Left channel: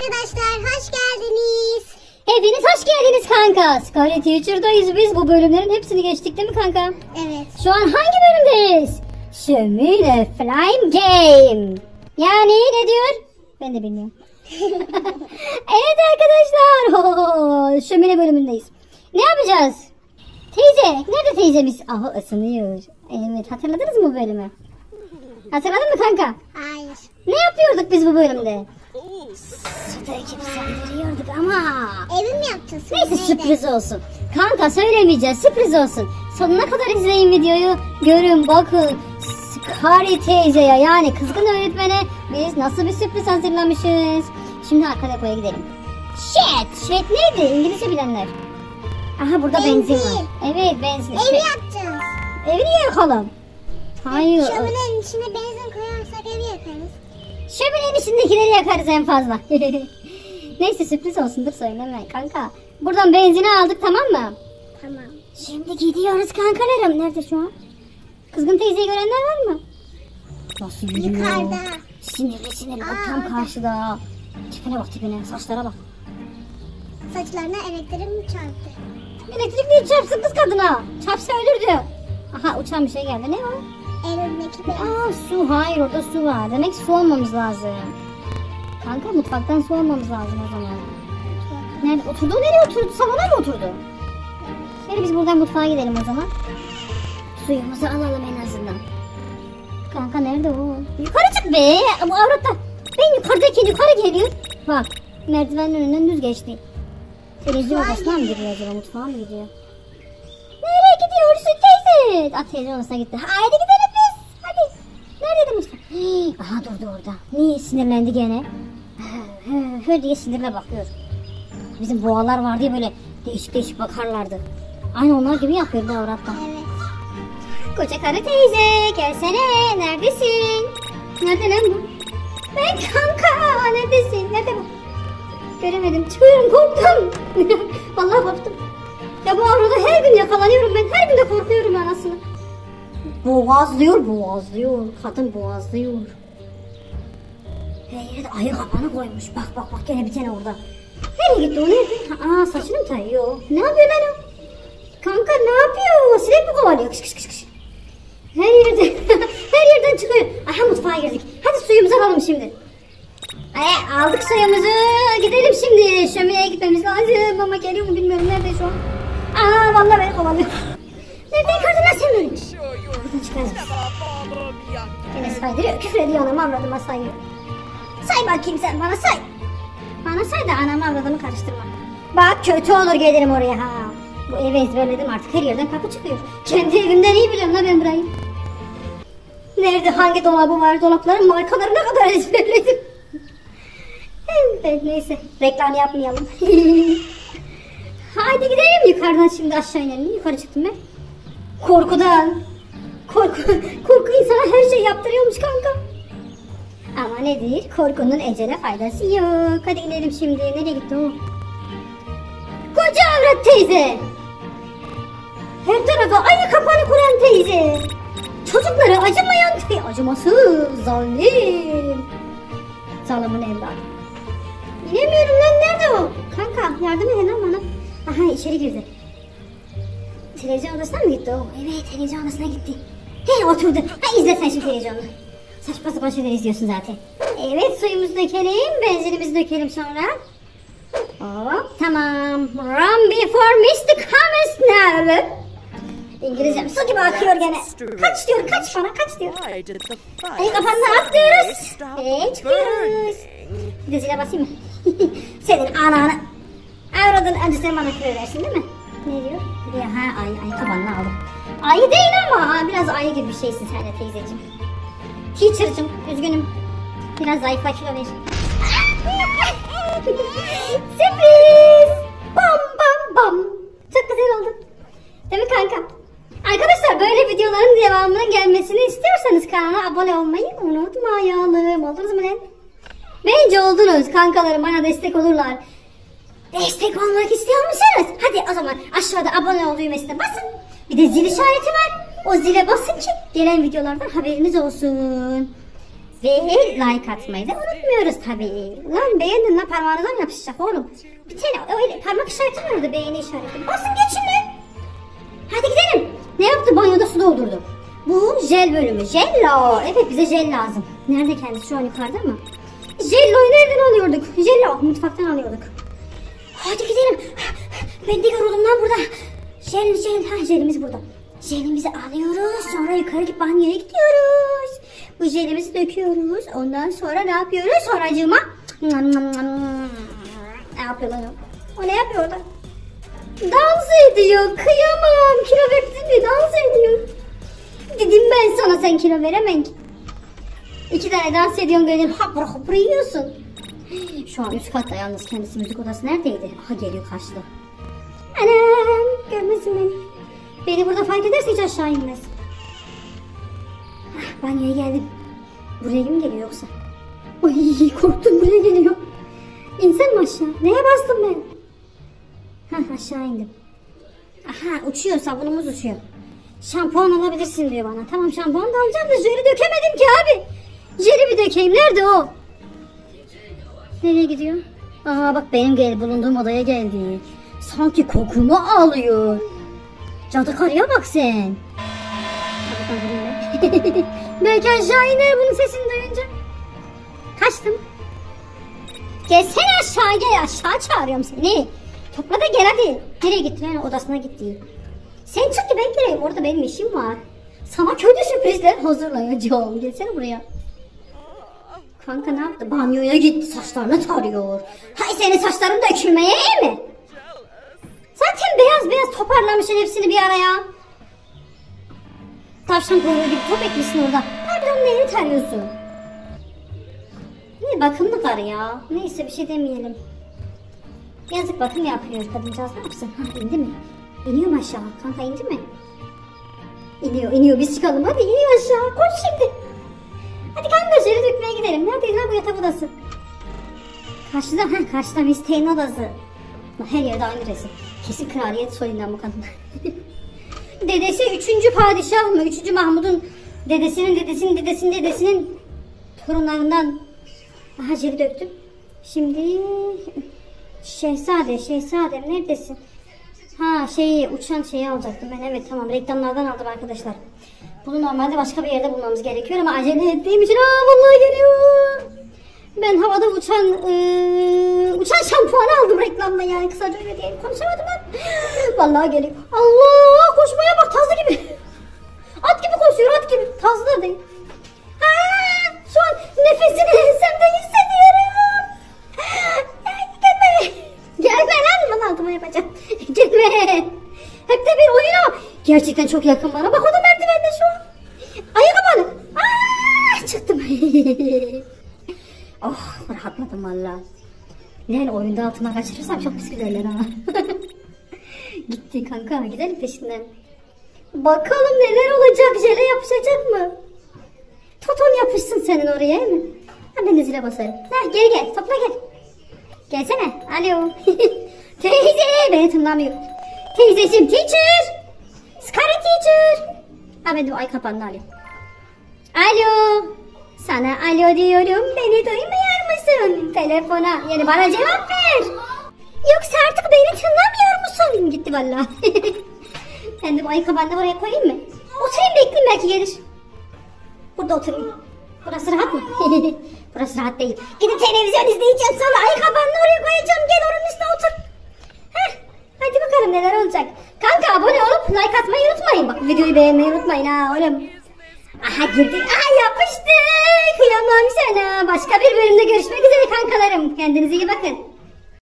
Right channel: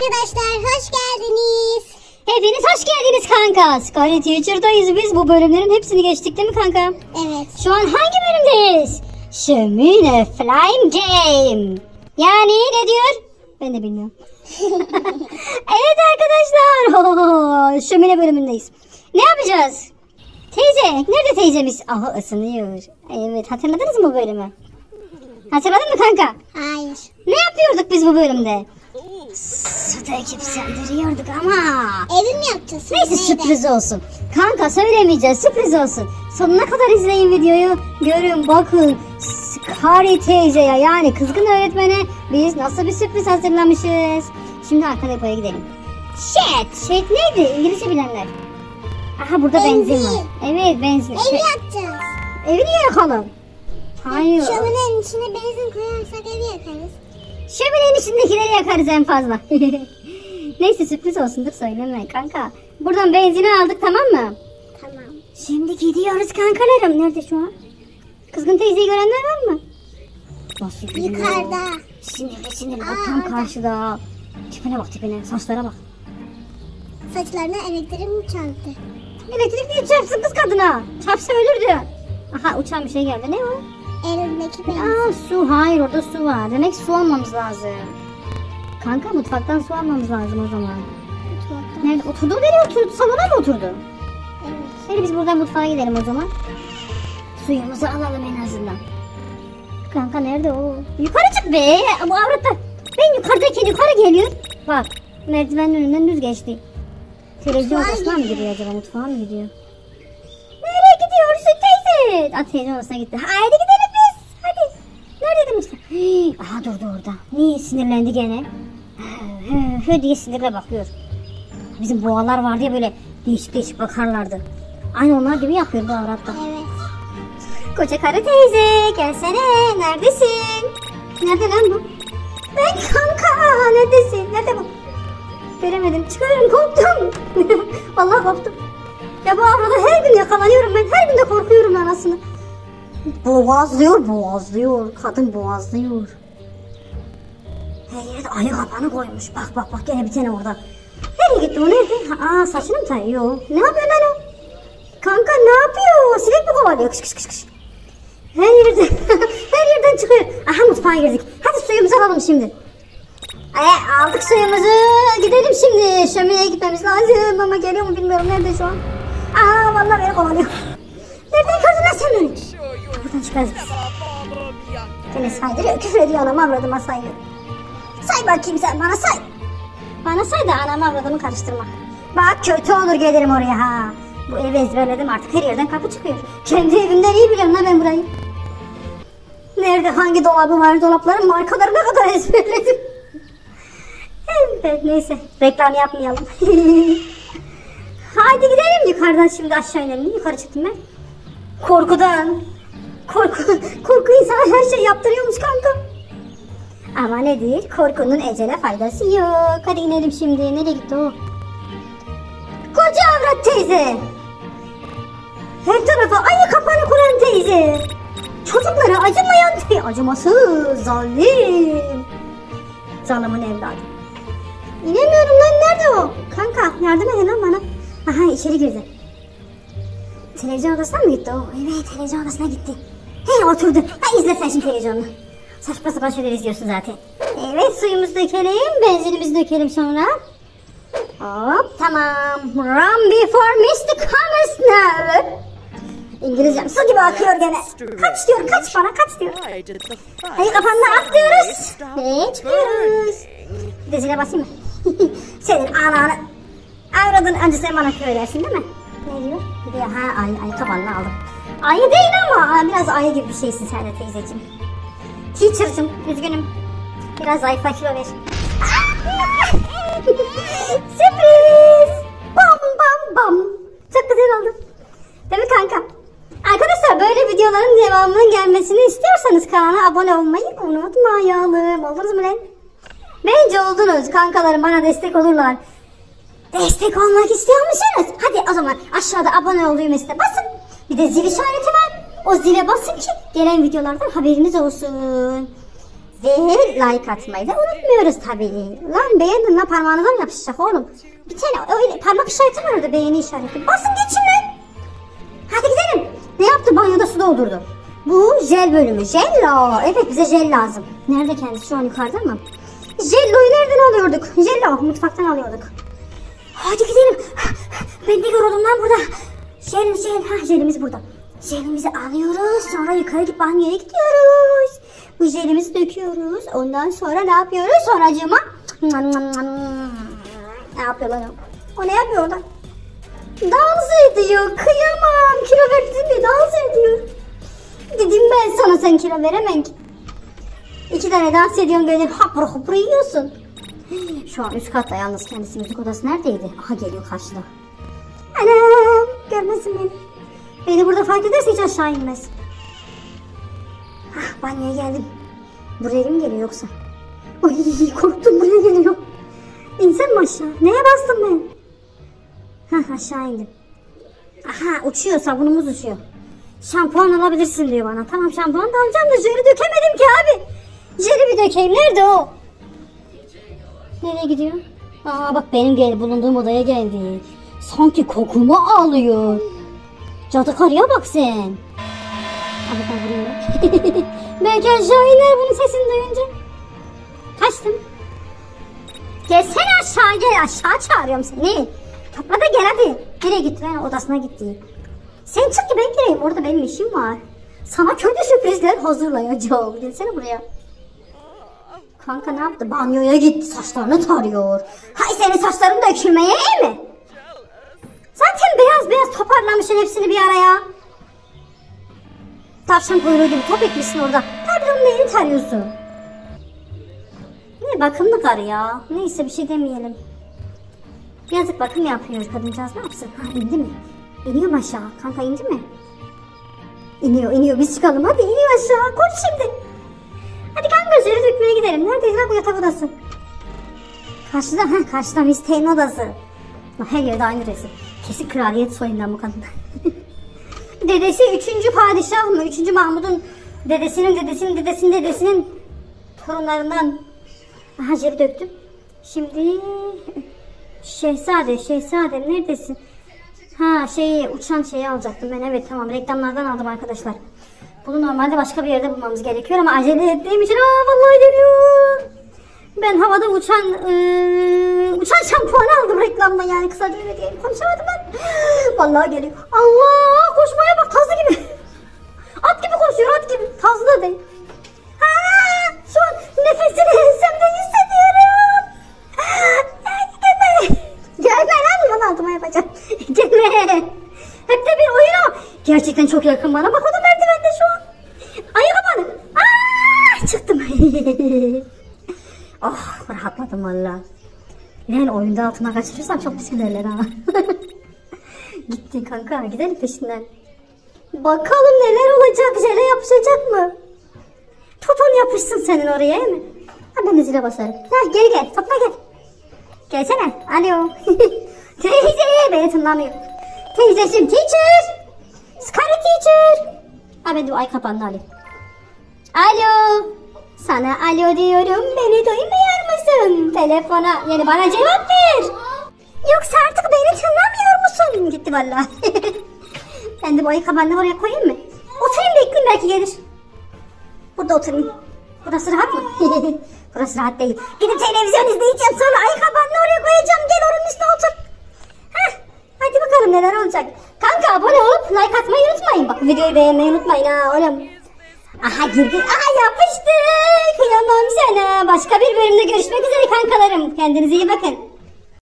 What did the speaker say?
arkadaşlar, hoş geldiniz. Hepiniz hoş geldiniz kanka. Scarlet Teacher'dayız biz. Bu bölümlerin hepsini geçtik değil mi kanka? Evet. Şu an hangi bölümdeyiz? Şömine Flame Game. Yani ne diyor? Ben de bilmiyorum. Evet arkadaşlar. Şömine bölümündeyiz. Ne yapacağız? Teyze. Nerede teyzemiz? Aha ısınıyor. Evet, hatırladınız mı bu bölümü? Hatırladın mı kanka? Hayır. Ne yapıyorduk biz bu bölümde? Süt ekip söndürüyorduk ama. Evin mi yaptın? Neyse, sürpriz olsun. Kanka söylemeyeceğiz, sürpriz olsun. Sonuna kadar izleyin videoyu. Görün bakın. Scarlet teyzeye, yani kızgın öğretmene biz nasıl bir sürpriz hazırlamışız. Şimdi arka depoya gidelim. Shit neydi? İngilizce bilenler. Aha, burada benzin var. Evet, benzin. Evi yapacağız. Evi niye yakalım? Hayır. Şöminenin içine benzin koyarsak evi yakarız. Şöminenin içindekileri yakarız en fazla. Neyse, sürpriz olsun, dur söyleme kanka. Buradan benzini aldık, tamam mı? Tamam. Şimdi gidiyoruz kankalarım. Nerede şu an? Kızgın teyzeyi görenler var mı? Nasıl gidiyor? Yukarıda. Sinirli bak, tam karşıda. Tipine bak, tipine, saçlara bak. Saçlarına elektrik çarptı. Elektrik niye çarpsın kız kadına? Çarpsa ölürdü. Aha, uçan bir şey geldi. Ne o? Elindeki benzin. Aa, su. Hayır, orada su var. Demek su almamız lazım. Kanka, mutfaktan su almamız lazım o zaman. Nerede? Oturdu, nereye oturdu? Salona mı oturdu? Hadi biz buradan mutfağa gidelim o zaman. Suyumuzu alalım en azından. Kanka nerede o? Yukarı çık be. Bu avratlar. Ben yukarıdaki yukarı geliyor. Bak, merdivenin önünden düz geçti. Televizyon odasına mı gidiyor acaba? Mutfağa mı gidiyor? Nereye gidiyorsun teyze? Televizyon odasına gitti. Haydi gidelim biz. Hadi. Neredeydi mutfak? Aha, durdu orada. Niye sinirlendi gene? Hı diye sinirle bakıyor. Bizim boğalar vardı ya, böyle değişik bakarlardı. Aynı onlar gibi yapıyor bu avratlar. Evet. Koca karı teyze, gelsene. Neredesin? Nerede lan bu? Ben kanka. Neredesin? Nerede bu? Göremedim. Çıkıyorum, korktum. Vallahi korktum. Ya bu avrada her gün yakalanıyorum ben. Her gün de korkuyorum anasını. Boğazlıyor. Kadın boğazlıyor. Her yere de ayı kapanı koymuş. Bak gene bir tane orada. Nereye gitti o, nerede? Aa, saçını mı tarıyor? Ne yapıyor lan o? Kanka ne yapıyor? Sinek mi kovalıyor? Kış. Her yerden çıkıyor. Aha, mutfağa girdik. Hadi suyumuzu alalım şimdi. Aldık suyumuzu. Gidelim şimdi. Şömineye gitmemiz lazım. Ama geliyor mu bilmiyorum. Nerede şu an? Aa, vallahi beni kovalıyor. Nereden gördün lan sen beni? Buradan çıkarız biz. Beni saydırıyor. Küfür ediyor, anamı avradıma saydırıyor. Say bakayım sen bana, say. Bana say da anamı avradımı karıştırma. Bak, kötü olur gelirim oraya ha. Bu evi ezberledim artık, her yerden kapı çıkıyor. Kendi evimden iyi biliyorum lan ben burayı. Nerede, hangi dolabı var, dolapların markalarına kadar ezberledim. Evet, neyse, reklam yapmayalım. Hadi gidelim yukarıdan, şimdi aşağı inelim. Yukarı çıktım ben. Korkudan. Korku insana her şey yaptırıyormuş kanka. Ama nedir? Korkunun ecele faydası yok. Hadi inelim şimdi. Nereye gitti o? Koca avrat teyze. Her tarafa ayı kapanı kuran teyze. Çocuklara acımayan teyze. Acımasız, zalim. Zalimin evladı. İnemiyorum lan, nerede o? Kanka yardım edin lan bana. Aha, içeri girdi. Televizyon odasına mı gitti o? Evet, televizyon odasına gitti. Hey, oturdu. İzle sen şimdi televizyonu. Saçma sapan şeyler izliyorsun zaten. Evet, suyumuzu dökelim, benzinimizi dökelim sonra. Hop, tamam. Run before Mr. Comes now. İngilizcem su gibi akıyor gene. Kaç diyor, kaç bana, kaç diyor. Hadi kafanla atlıyoruz. Evet, çıkıyoruz. Bir de zile basayım mı? Senin ananı. Avradın, önce sen bana küfür edersin değil mi? Ne diyor? Bir de ayı kafanla aldım. Ayı değil ama biraz ayı gibi bir şeysin sen de teyzeciğim. Teacher'cığım, üzgünüm. Biraz zayıfla, kilo ver. Sürpriz! Bam! Çok güzel oldu. Değil mi kanka? Arkadaşlar, böyle videoların devamının gelmesini istiyorsanız kanala abone olmayı unutmayalım. Oldunuz mu lan? Bence oldunuz. Kankalarım bana destek olurlar. Destek olmak istiyor musunuz? Hadi o zaman aşağıda abone ol düğmesine basın. Bir de zil işareti var. O zile basın ki gelen videolardan haberiniz olsun. Ve like atmayı da unutmuyoruz tabii. Lan beğendin lan, parmağınıza mı yapışacak oğlum? Bir tane öyle parmak işareti var orada, beğeni işareti. Basın geçin lan. Hadi gidelim. Ne yaptı? Banyoda su doldurdu. Bu jel bölümü. Jello. Evet, bize jel lazım. Nerede kendisi? Şu an yukarıda mı? Jello'yu nereden alıyorduk? Jello. Mutfaktan alıyorduk. Hadi gidelim. Ben de yoruldum lan burada. Jel. Ha, jelimiz burada. Jelimizi alıyoruz. Sonra yukarı gidip banyoya gidiyoruz. Bu jelimizi döküyoruz. Ondan sonra ne yapıyoruz? Sonracığıma. Ne yapıyor lan o? O ne yapıyor lan? Dans ediyor. Kıyamam. Kilo verdin mi? Dans ediyor. Dedim ben sana, sen kilo veremem ki. 2 tane dans ediyorsun, böyle hapur hapur yiyorsun. Şu an üst katta yalnız, kendisi müzik odası neredeydi? Aha, geliyor karşıda. Anam, görmesin beni. Beni burada fark ederse hiç aşağı inmez. Banyoya geldim. Buraya mı geliyor yoksa? Ay, korktum, buraya geliyor. İnsem mi aşağı? Neye bastım ben? Hah, aşağı indim. Aha, uçuyor, sabunumuz uçuyor. Şampuan alabilirsin diyor bana. Tamam, şampuan da alacağım da jeli dökemedim ki abi. Jeli bir dökeyim. Nerede o? Nereye gidiyor? Aa bak, benim bulunduğum odaya geldi. Sanki kokumu alıyor. Cadı karıya bak sen. Belki aşağı iner bunun sesini duyunca. Kaçtım. Gelsene aşağı, gel aşağı, çağırıyorum seni. Topla da gel hadi. Nereye gitti? Ben odasına gitti. Sen çık ki ben gireyim. Orada benim işim var. Sana kötü sürprizler hazırlayacağım. Gelsene buraya. Kanka ne yaptı? Banyoya gitti. Saçlarını tarıyor. Hay senin saçların dökülmeye iyi mi? Zaten beyaz beyaz toparlamışsın hepsini bir araya. Tavşan koyuyordu. Top etmişsin orada. Pardon, neyini tarıyorsun? Ne bakımlı karı ya. Neyse, bir şey demeyelim. Yazık, bakım yapıyor kadıncağız, ne yapsın? Ha, indi mi? İniyor mu aşağı? Kanka indi mi? İniyor. Biz çıkalım. Hadi iniyor aşağı. Koş şimdi. Hadi kanka, jeli dökmeye gidelim. Neredeyiz lan, bu yatak odası? Karşıda Misteğin odası. Her yerde aynı resim. Kesin kraliyet soyundan bu kadın. Dedesi 3. padişah mı? 3. Mahmud'un dedesinin torunlarından. Aha, jeli döktüm. Şimdi Şehzadem neredesin? Ha, uçan şeyi alacaktım ben. Evet, tamam, reklamlardan aldım arkadaşlar. Bunu normalde başka bir yerde bulmamız gerekiyor ama acele ettiğim için vallahi geliyor. Ben havada uçan şampuan aldım reklamda, yani kısaca öyle diye konuşamadım ben. Vallahi geliyor. Allah, koşmaya bak, tazlı gibi. At gibi koşuyor, at gibi. Tazlı da değil. Ha, şu an nefesini ensemde hissediyorum. Gelme lan, bana altıma yapacağım. Gelme. Hep de bir oyun. Gerçekten çok yakın bana. Bak, o da merdivende şu an. Ayakkabı. Aa, çıktım. Oh, rahatladım valla. Yani oyunda altıma kaçırırsam çok pis giderler ha. Gitti kanka, gidelim peşinden. Bakalım neler olacak, jele yapışacak mı? Toton yapışsın senin oraya, değil mi? Ha, ben de zile basarım. Ha, gel topla gel. Gelsene. Alo. Teyze, beni tınlamıyor. Teyzeciğim, teacher. Scary teacher. Ha, ben de ay kapandı alayım. Alo. Sana alo diyorum. Beni duymuyor musun? Telefona. Yani bana cevap ver. Yoksa artık beni tınlamıyor musun? Gitti vallahi. Ben de bu ay kapandı, oraya koyayım mı? Oturayım, bekleyeyim, belki gelir. Burada oturayım. Burası rahat mı? Burası rahat değil. Gidip televizyon izleyeceğim, sonra ayakkabını oraya koyacağım. Gel onun üstüne otur. Heh, hadi bakalım neler olacak. Kanka, abone olup like atmayı unutmayın. Bak, videoyu beğenmeyi unutmayın ha oğlum. Aha, girdi. Aha, yapıştı. Kıyamam sana. Başka bir bölümde görüşmek üzere kankalarım. Kendinize iyi bakın.